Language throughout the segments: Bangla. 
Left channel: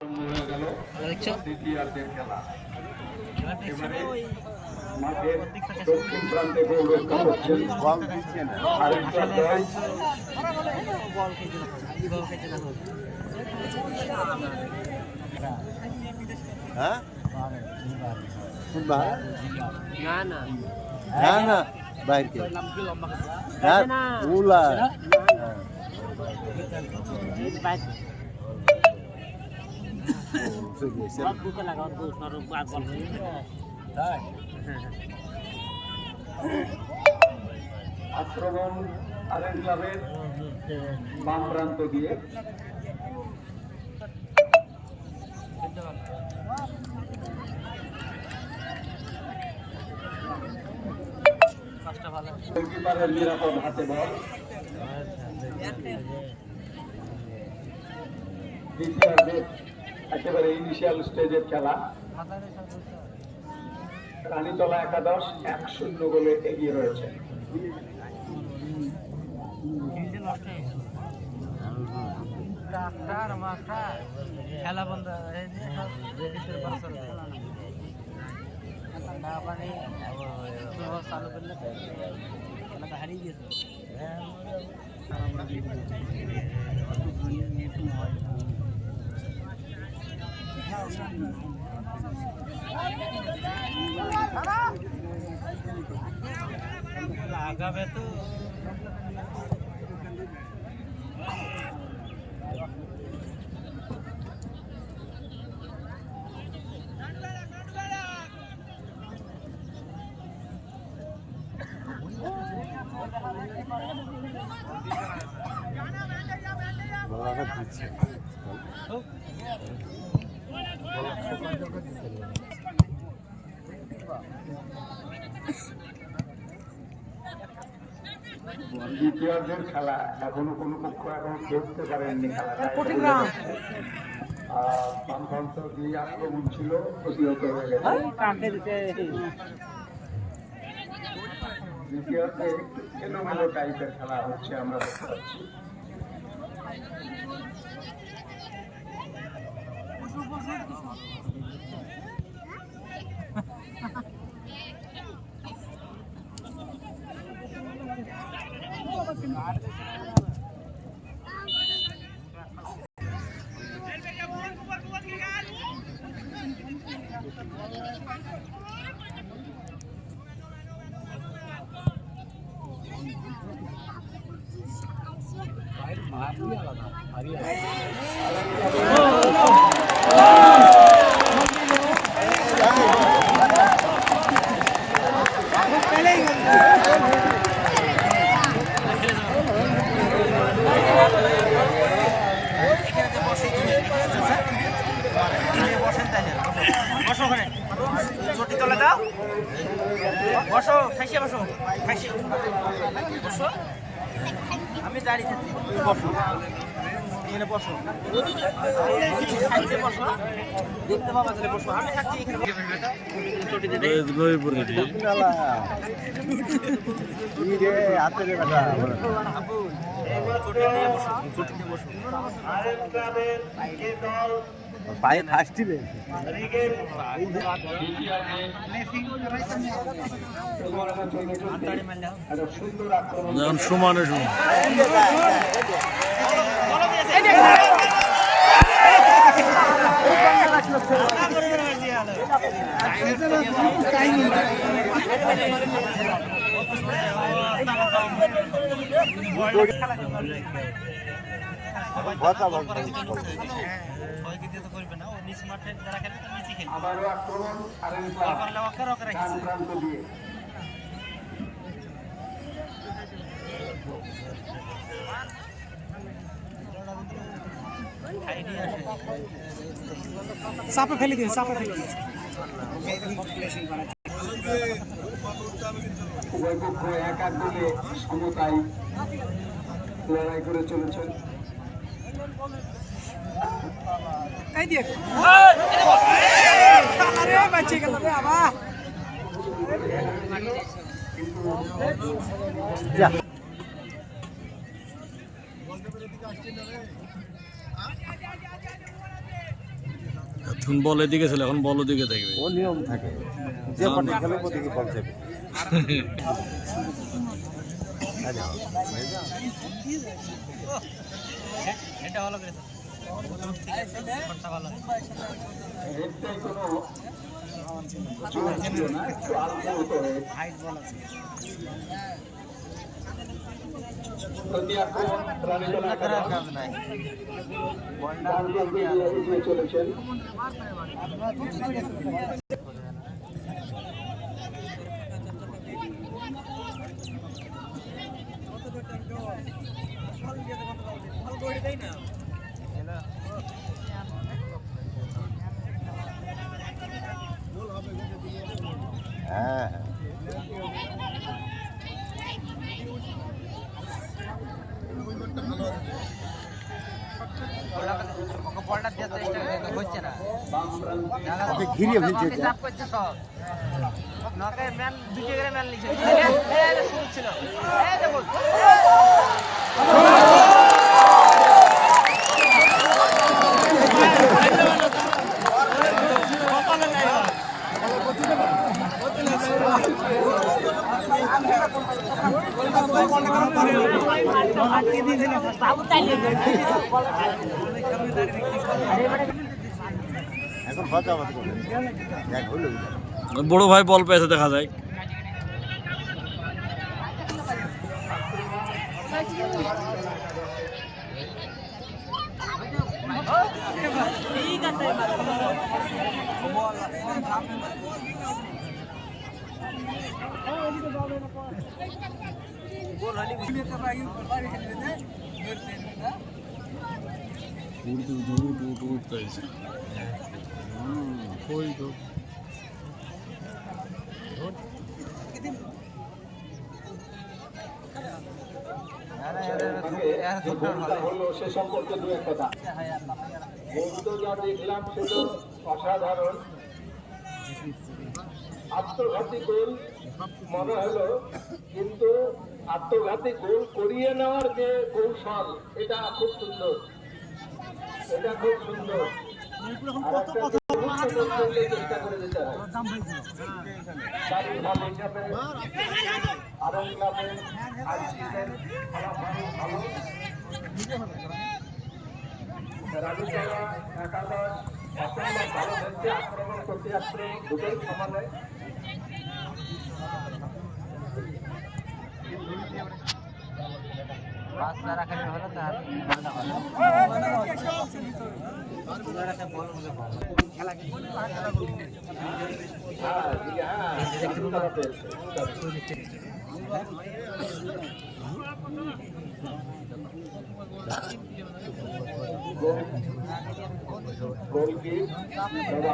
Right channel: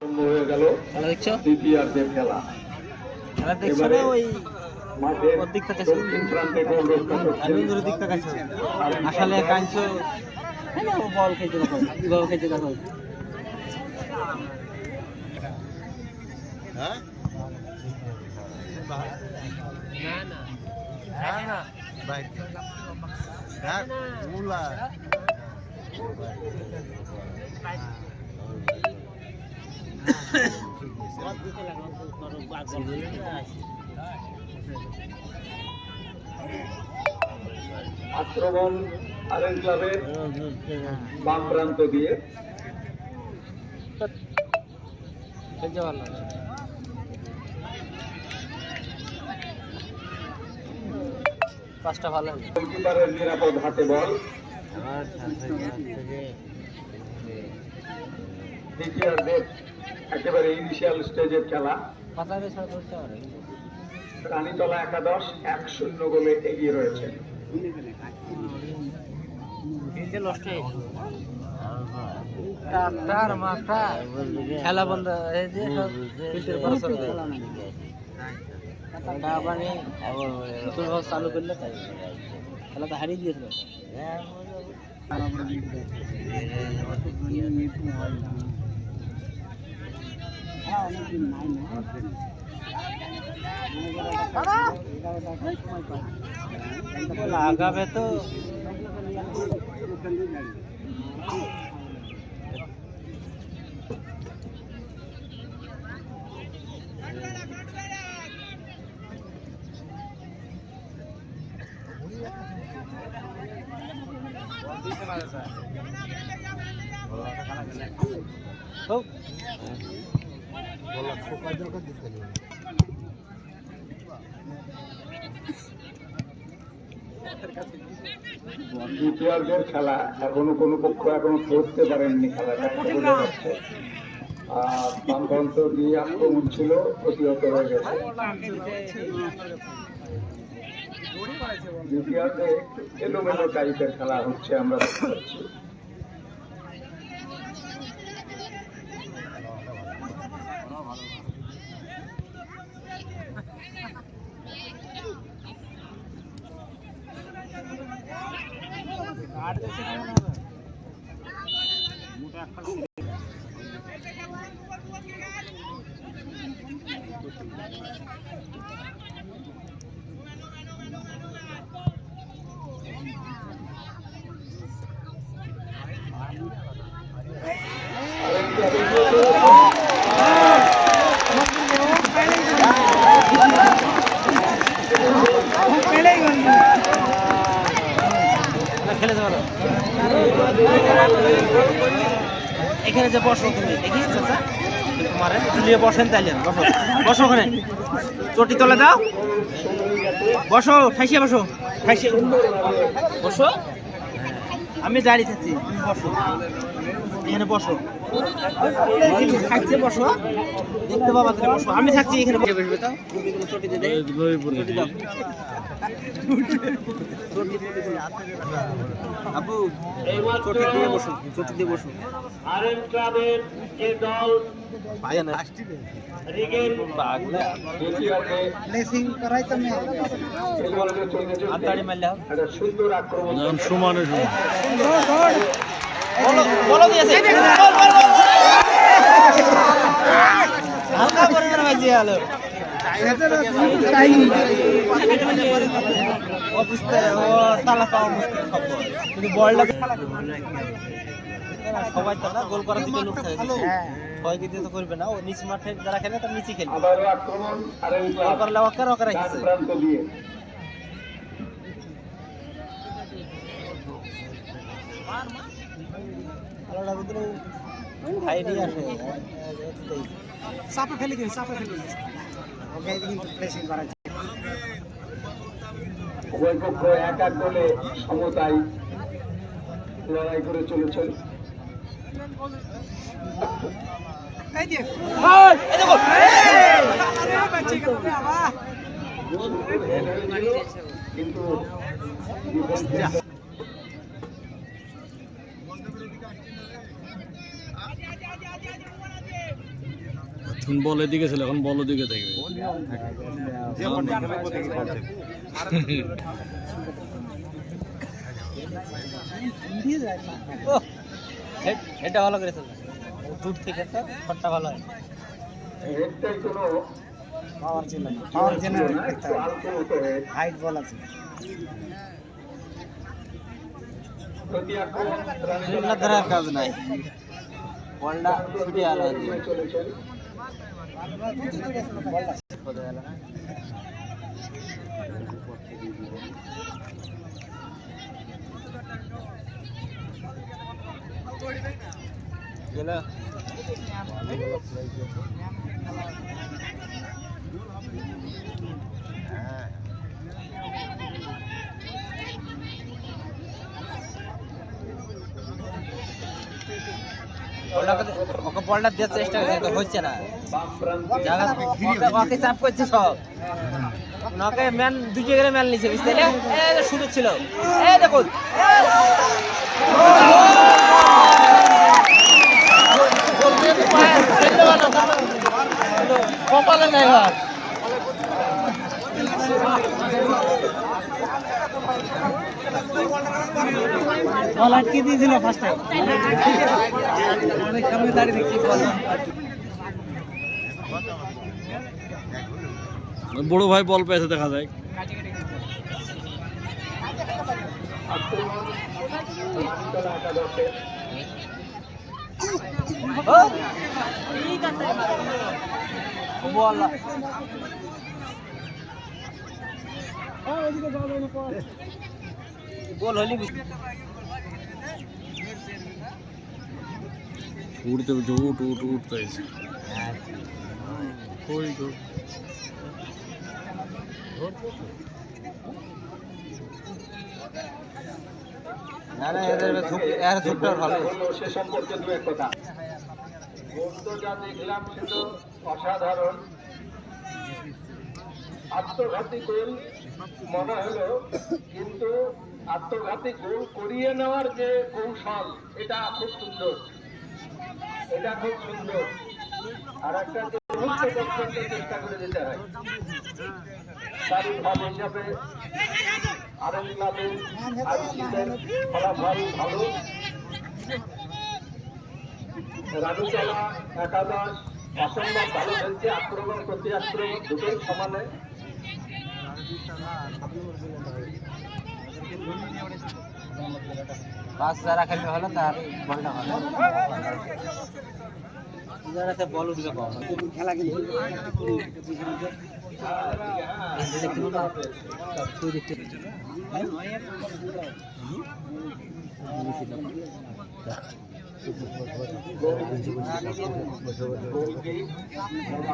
হয়ে গেল দ্বিতীয়ার্ধের খেলা। এবারে মাঠের দক্ষিণ প্রান্তে গোল রক্ষা করছেন আক্রমণ আরেক ক্লাবের বাম প্রান্ত দিয়ে গোলকিপারের নিরাপদ হাতে বল। দ্বিতীয়ার্ধের একেবারে ইনিশিয়াল স্টেজের খেলা। রানীতলা একাদশ 1-0 গোলে এগিয়ে রয়েছে। খেলা বন্ধ চালু করলে খেলা তো হারিয়ে গিয়েছিল। আগাবে তো দ্বিতীয়ার্ধের খেলা এখনো কোনো পক্ষ এখনো ধরতে পারেননি। খেলাটা বামপ্রান্ত দিয়ে আক্রমণ ছিল, প্রতিহত হয়ে গেছে। দ্বিতীয়ার্ধে একটু এলোমেলো টাইপের খেলা হচ্ছে, আমরা দেখতে পাচ্ছি। এখানে যে বসো তুমি বসেন, তাইলে বসো, ওখানে চটি তলে দাও, বসো, ঠাইসিয়ে বসো, ঠাইসিয়ে বসো। আমি দাঁড়িয়ে থাকছি, তুমি বসো, এখানে বসো, বসো, দেখতে পাবো, বসো, আমি থাকছি এখানে। আপু চটি দিয়ে বসো, চটি দিয়ে বসো। আরেক ক্লাবের যে দল পায়ে ফাস্টি রে রিগের প্লেসিং করাইতে আমি আন্তাড়ি মারলাম। একটা সুন্দর আক্রমণ, সমানে সমান বলো দিয়েছে। আল্লাহ বড় ভাইজি আলো সবাই কথা বল করার দিকে লোক থাকে, সবাইকে দিয়ে তো করবে না। ও নিচ মাঠে যারা খেলে তার নিচে খেলে। আবার আক্রমণ আরে করলে ওয়াকার ওয়াকার আছে প্রান্ত দিয়ে খাইনি আসে, চাপে ফেলে দিয়েছে, চাপে ফেলে দিয়েছে। ওকে কিন্তু প্লেসিং করা যায়। উভয় পক্ষ এক এক গোলে সমতায় লড়াই করে চলেছেন। কিন্তু এখন বলের দিকে ছিল, এখন বল দিকে থাকবে। ও নিয়ম থাকে না, না। এটা ভালো করেছে, দূর থেকে ফোনটা ভালো হয়। হাইট বল আছে কাজ নাই বলটা দেওয়ার চেষ্টা করছে, হচ্ছে না। জায়গা চাপ করছে সব। নকে ম্যান দুটো করে ম্যান নিচ্ছে, বুঝতে সুযোগ ছিল। এই দেখুন কপালে নাই হাত। লাটকে দিয়েছিল বড় ভাই বল পেয়েছে দেখা যায়। ঠিক আছে গোল হলি উঠতে উঠতে কই গো সে সম্পর্কে দু এক কথা। গোল তো যা দেখলাম সে তো অসাধারণ, আত্মঘাতী গোল মনে হলো, কিন্তু আত্মঘাতী গোল করিয়ে নেওয়ার যে কৌশল, এটা খুব সুন্দর, এটা খুব সুন্দর। আর একটা মুহূর্ত পর্যন্ত চেষ্টা করে যেতে হয়। তারই ভাব হিসাবে আরএন ক্লাবের আইসিদের ফলাফল ভালো। রানীতলা একাদশ অসম্ভব ভালো খেলছে, আক্রমণ প্রতি আক্রমণ দুটোই সমানে। রাস্তা খেলতে হলো তার বল উঠবে খেলা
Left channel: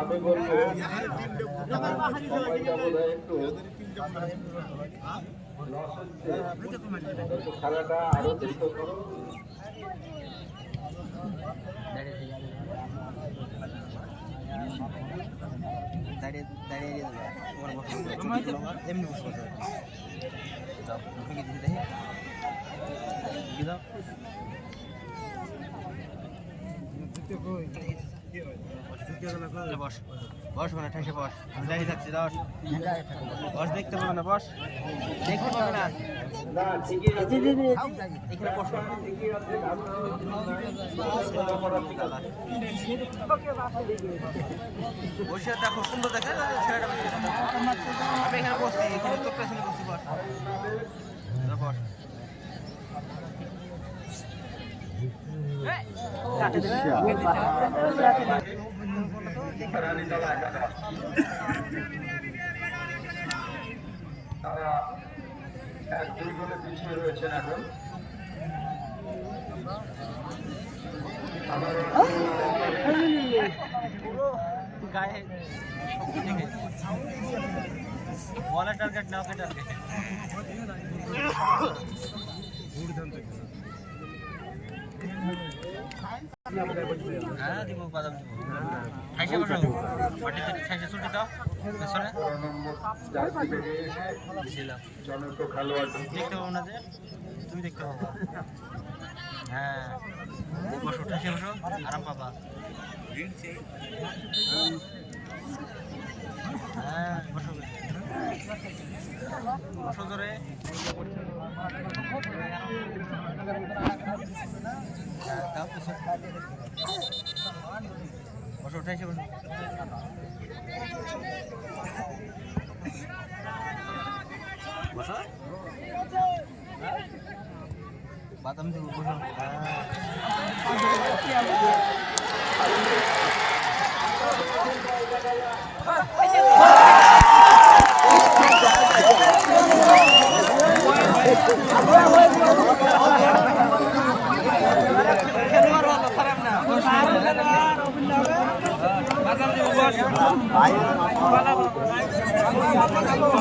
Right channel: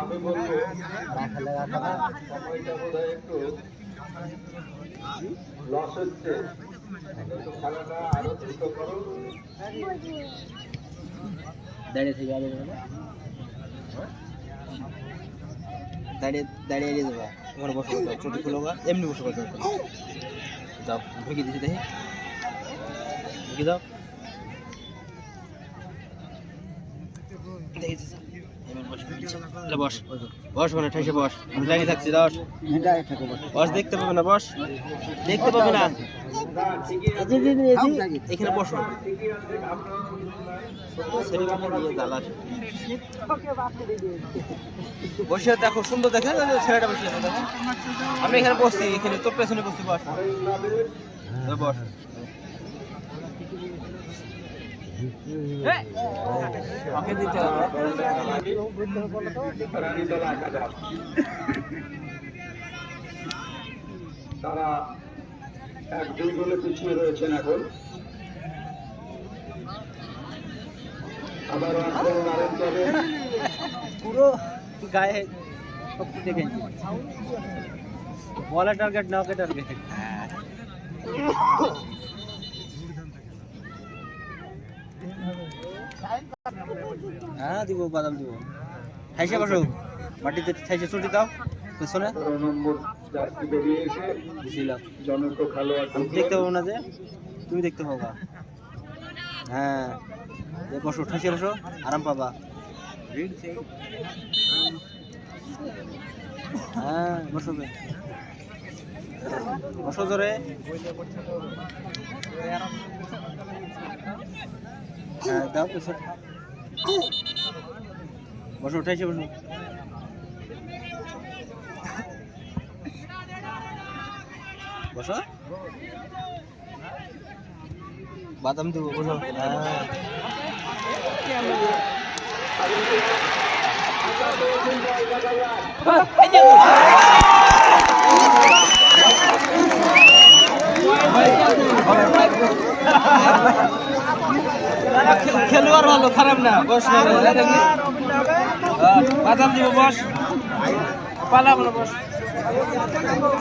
আমি বলবো সময়টা বোধ হয় একটু লস হচ্ছে, একটু খেলাটা আরো দ্রুত করো। দাঁড়িয়ে দেবো এমনি বসে বসে যাও ঢুকে দিচ্ছি, দেখি ঢুকে দাও। বস বস মানে ঠাইসে বস, দাঁড়িয়ে থাকছি, বস দেখতে পাবে না, বস দেখতে পাবে না, এখানে বসো। বসে দেখো সুন্দর দেখে ছেলেটা বসে আছে, আমি এখানে বসছি, এখানে তোর পেছনে বসছি, বস বস। তারা 1-2 গোলে পিছিয়ে রয়েছেন এখন। পুরো গায়ে শক্তি দেখে বলে টার্গেট নাও কে টার্গেট। হ্যাঁ দিব, বাদাম দিব, ঠাইসে বসো, মাটিতে ঠাইসে ছুটি দাও পেছনে। দেখতে পাবো না যে, তুমি দেখতে পাবা। হ্যাঁ বসো, ঠাইসে বসো, আরাম পাবা। হ্যাঁ বসো জোরে দাও বসো বসো উঠাইছে বসো বসো বাদাম দিব বসো খেলোয়াড় ভালো খারাপ না বস বাদাম দিব বস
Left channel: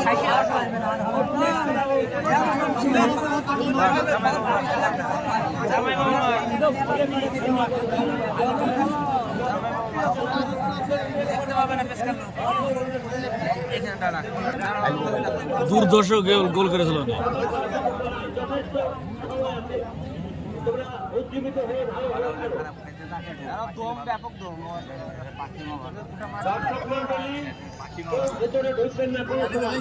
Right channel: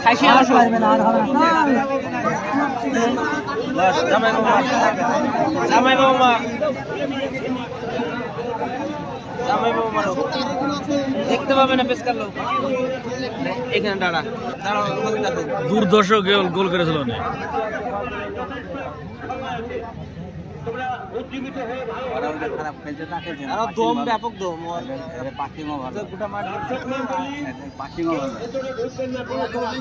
খাইছি বসো জামাই বাবা দেখতে পাবে না পেশকার লোক এখানে দাঁড়া দুর্দর্শ গোল করেছিল না তোমরা উজ্জীবিত হয়ে ভালো ভালো খেলো। দম ব্যাপক দম দর্শক মণ্ডলী, কেউ ভেতরে ঢুকবেন না কোনো সময়।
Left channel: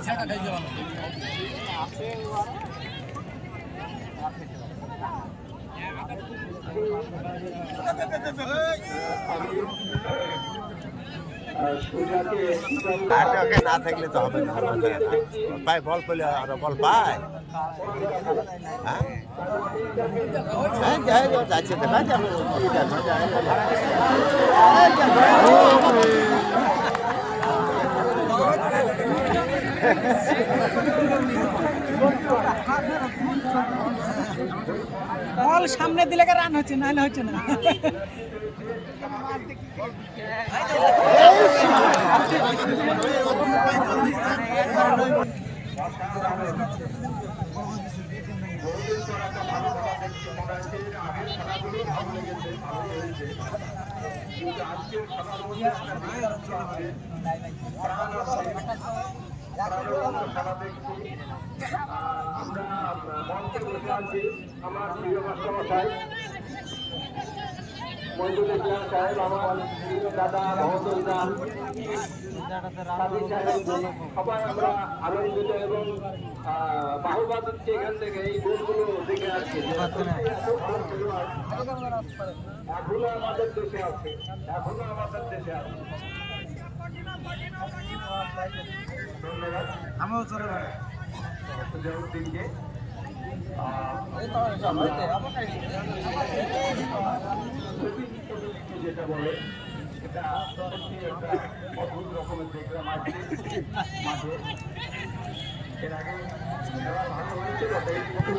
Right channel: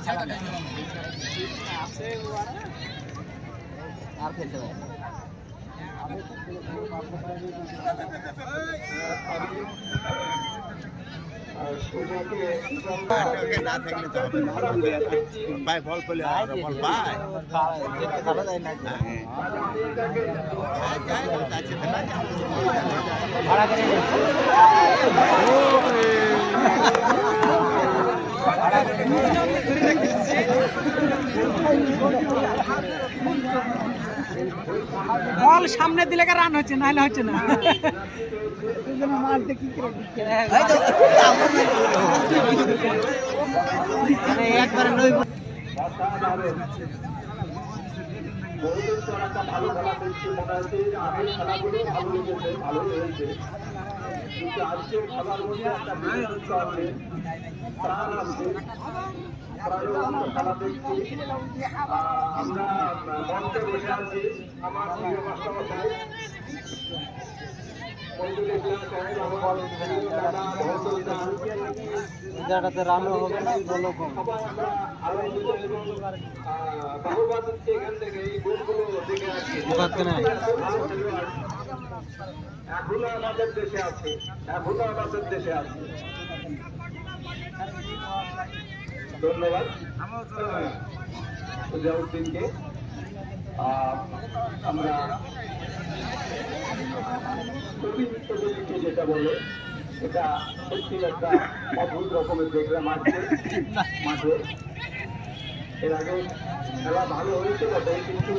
ওকে না থাকলে তো হবে না পায় বল পেলে আর বল পায় হ্যাঁ যাচ্ছে তো না বল সামনে দিলে রান হচ্ছে নাহলে হচ্ছে না বহুদিন পর একটা ভালো খেলা দেখছি মনে হচ্ছে আগের খেলাগুলো ভালো লেগেছে ভালো হয়েছে কিন্তু আজকের খেলার মধ্যে একটা বিশেষত্ব আছে প্রাণ আছে প্রাণের মতো খেলা দেখছি আমরা মঞ্চে বসে আছি আমার প্রিয় মাস্টারমশাই মঞ্জুর ইসলাম সাহেব আমার প্রিয় দাদা মহসুল দান সবাই আমরা আনন্দিত এবং বাহুবা দিচ্ছি এখান থেকে এই গোলগুলো দেখে আসছি এত ভালো খেলোয়াড় এখনো আমাদের দেশে আছে ধন্যবাদ সুজাউদ্দিনকে আমরা প্রতিনিধিত্ব যেটা বলে এটা সত্যি একটা অদ্ভুত রকমের দেখলাম আজকে মাঠে এর আগে খেলা ভালো হয়েছে বটে কিন্তু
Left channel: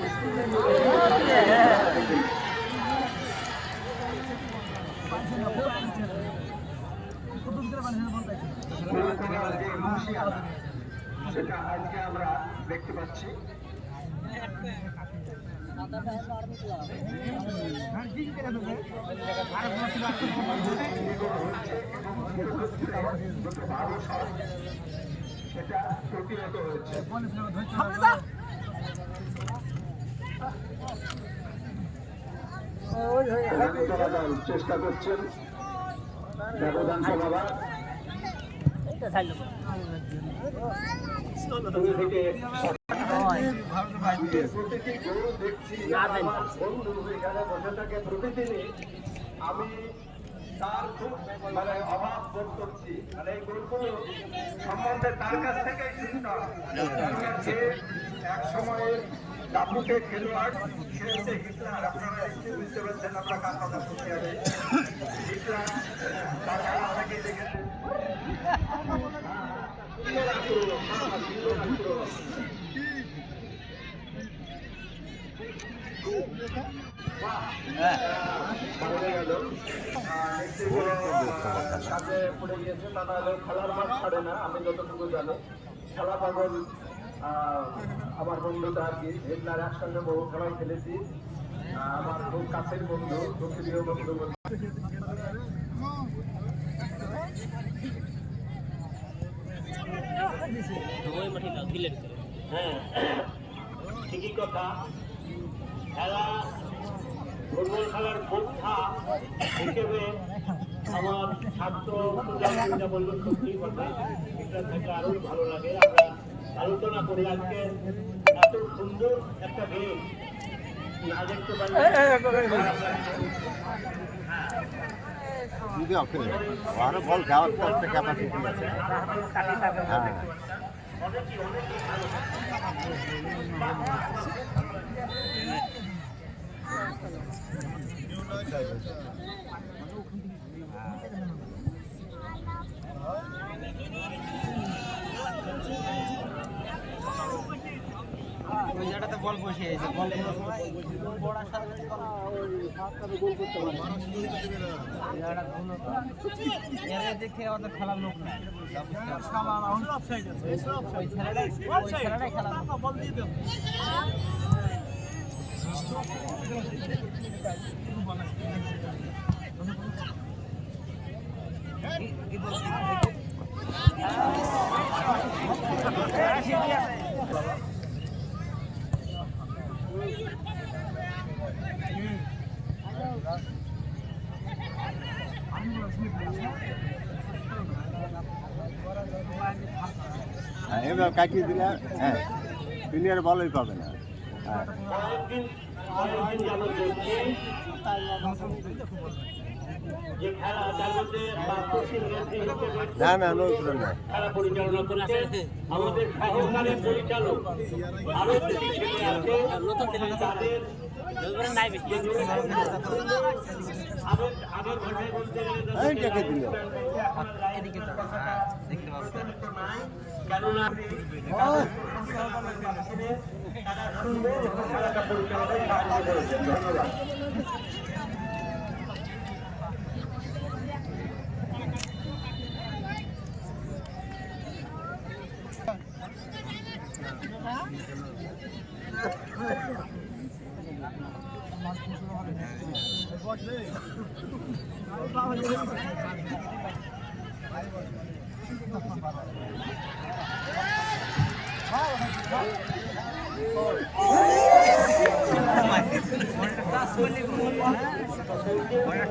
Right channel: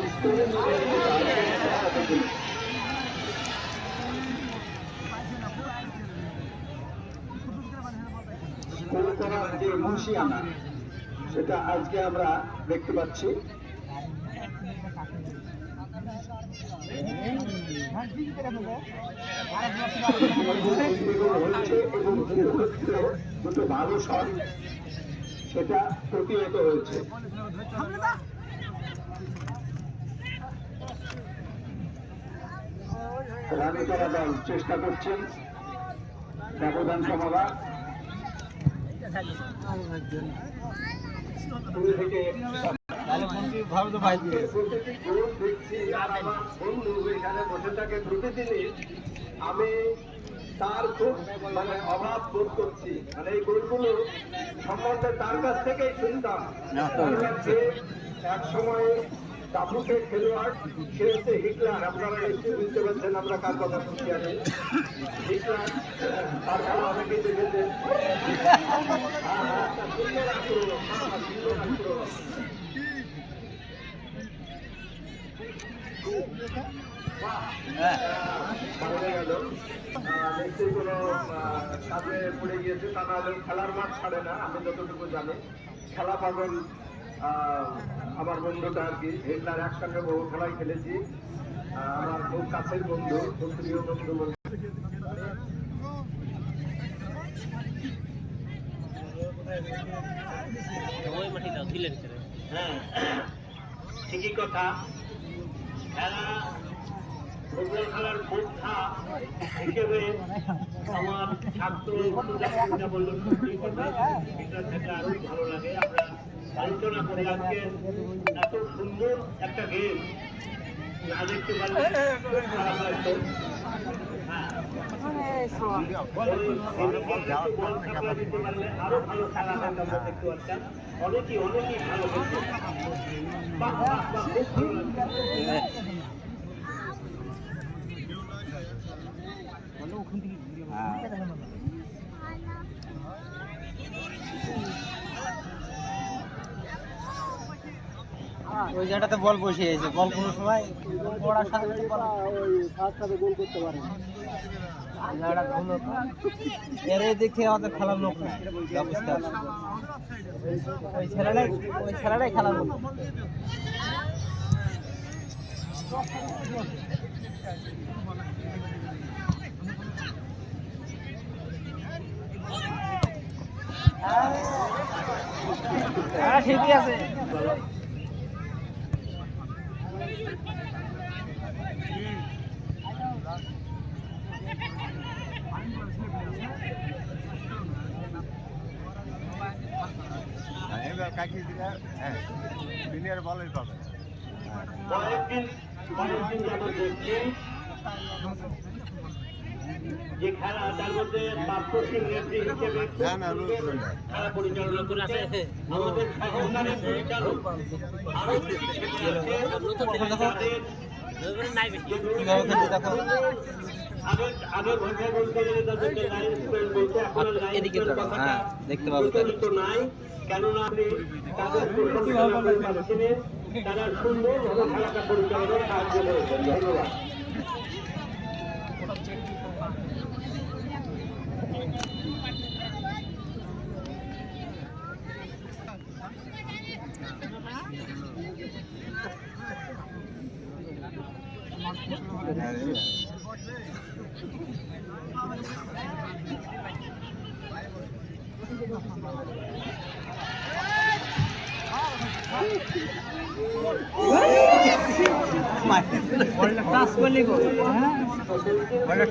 যে মুন্সিয়ানা সেটা আজকে আমরা দেখতে পাচ্ছি হচ্ছে এবং দুটো ভালো শট সেটা প্রতিহত হয়েছে রানীতলা দল চেষ্টা করছেন ব্যবধান কমাবার থেকে আজকের প্রতিটি গোল দেখছি আর আমার বন্ধু এখানে বসে থাকে প্রতিদিনই আমি তার খুব মানে অভাব বোধ করছি মানে এই গোলগুলো সম্বন্ধে তার কাছ থেকেই শুনতাম যে এক সময়ে দাপুটে খেলোয়াড় সে হচ্ছে হিটলার আপনারা নিশ্চয়ই বুঝতে পারছেন আমরা কার কথা শুনছি আগে হিটলার তার খেলা অনেকেই দেখেছেন কাজে পড়ে গিয়েছে তা নাহলেও খেলার মাঠ ছাড়ে না আমি যতটুকু জানি খেলা পাগল আমার বন্ধুটা আর কি হেডলার একসঙ্গে বহু খেলাই খেলেছি আমার খুব কাছের বন্ধু খুব প্রিয় বন্ধু হ্যাঁ ঠিকই কথা খেলা ফুটবল খেলার বোদ্ধা হিসেবে আমার ছাত্র সুজা বলল সত্যি কথা, এটা থাকলে আরোই ভালো লাগে। আমরা আলোচনা করি আজকে এত সুন্দর একটা গেম না দেখতে পারলে খারাপ লাগতো। আরো বল যাওয়ার তো একটা ক্যাপাসিটি আছে। অনেকেই ভালো করছে। ওই জায়গাটাতে বল বসিয়েছে, বল কোনো সময় পড়ার সাথে সাথে বল গোল করতে পারে। এর দেখে আমাদের খেলার লোক নেই, ওই ছেলেটাই খেলার লোক। ঠিকই আছে। এবার কাটিয়ে দিলে হ্যাঁ প্লেয়ার ভালোই পাবে না। কয়েকদিন যাবত দেখছি যে খেলা, তার মধ্যে পার্থ সিং রেড্ডি হিসেবে না খেলা পরিচালনা করেছে আমাদের সহকারী পরিচালক। আরো দুটি ছেলে আছে তাদের আগের ভাষায় বলতে গেলে তাদেরকে দেখতে পাবো নাই, কেননা তাদের পরিচালনা পাচ্ছিলেন, তারা সুন্দরভাবে খেলাটা পরিচালনায় সাহায্য করেছেন। ধন্যবাদ।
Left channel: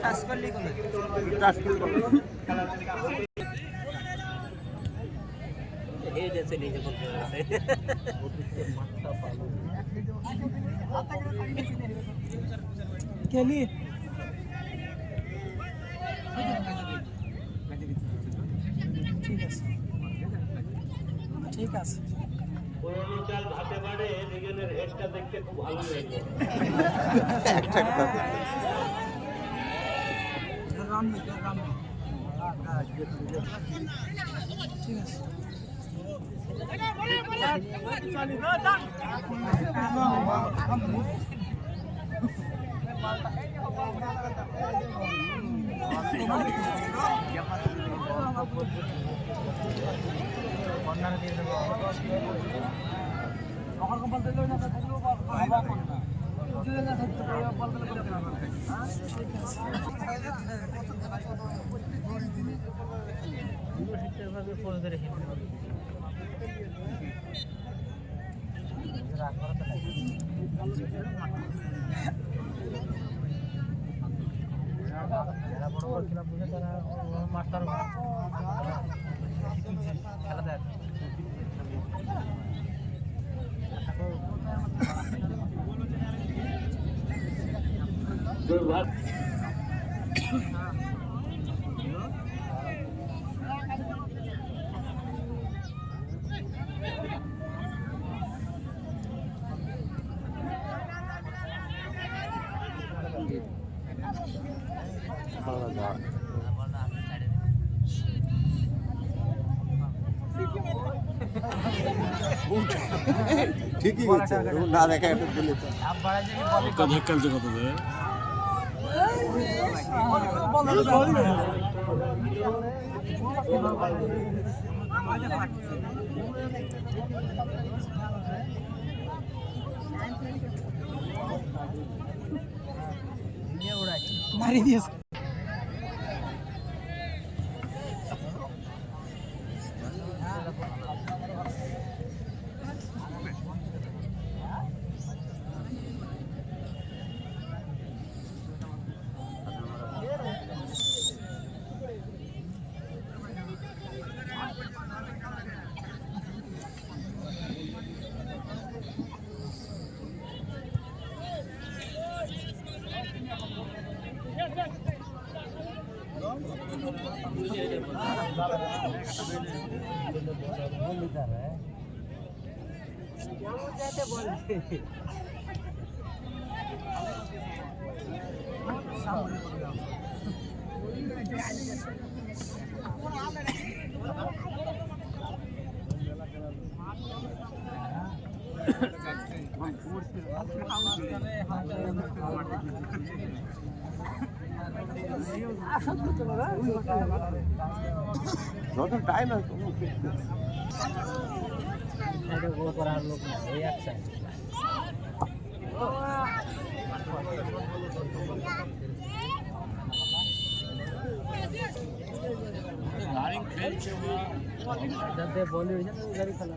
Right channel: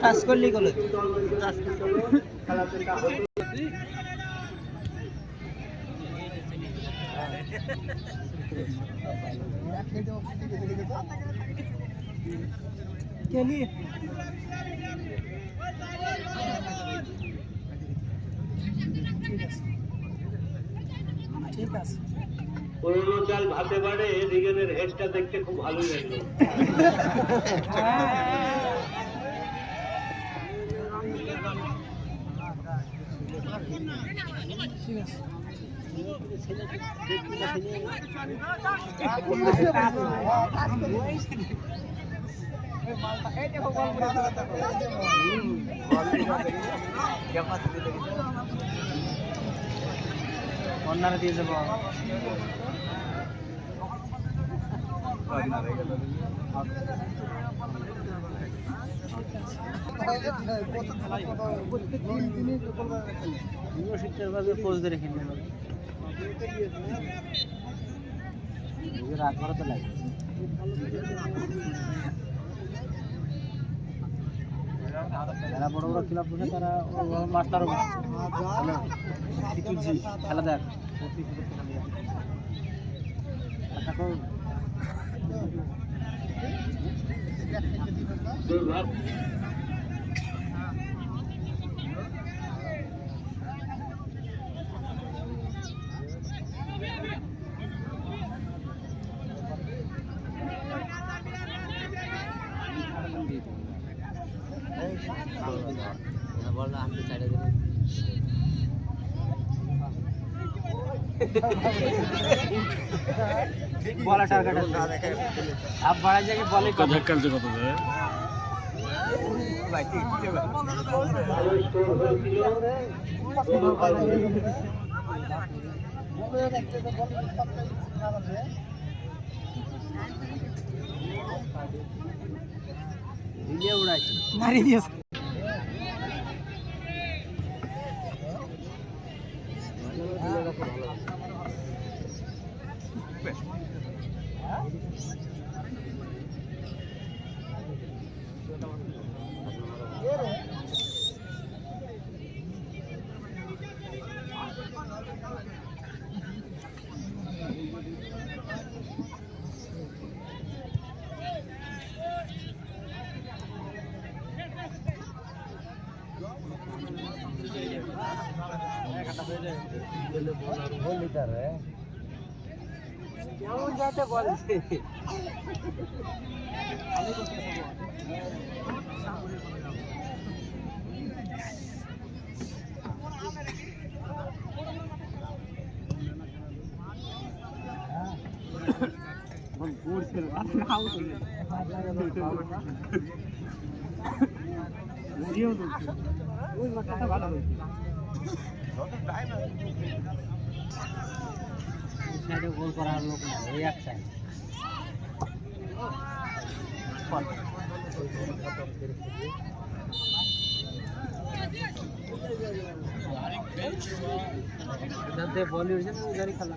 টাচ করলি গেল। কেলি ঠিক আছে। পুরোনো চাল ভাতে বাড়ে, রিগেনের হেডটা দেখতে খুব ভালো লাগলো। ঠিক আছে। অন্যান্য দিয়ে দেবো। পোজ দিয়ে রেখে নিন। রাত ভরা তো লাগে। যারা বড় বড় ক্লাব বসে তারা মাস্টারও কি তুলছি খেলা দেখ। দুর্ভাগ্য ঠিকই না দেখে आप बड़ा जगह बॉल ওকে ধাক্কালছে কত দেয় মারি দিয়েছে। নতুন টাইম আছে গোল করার লোক না এই এক সাইড বল হয়েছে না গাড়ি খেলা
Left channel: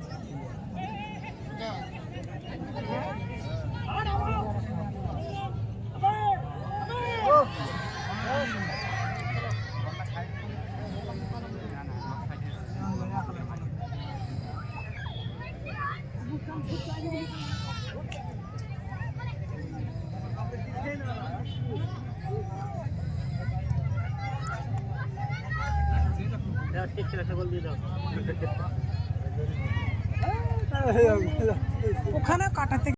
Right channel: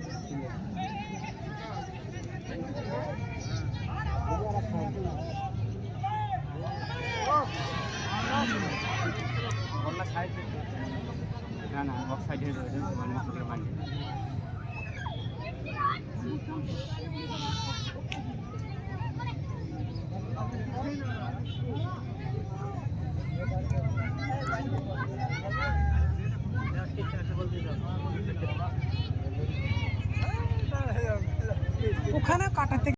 ওখানে কাটাতে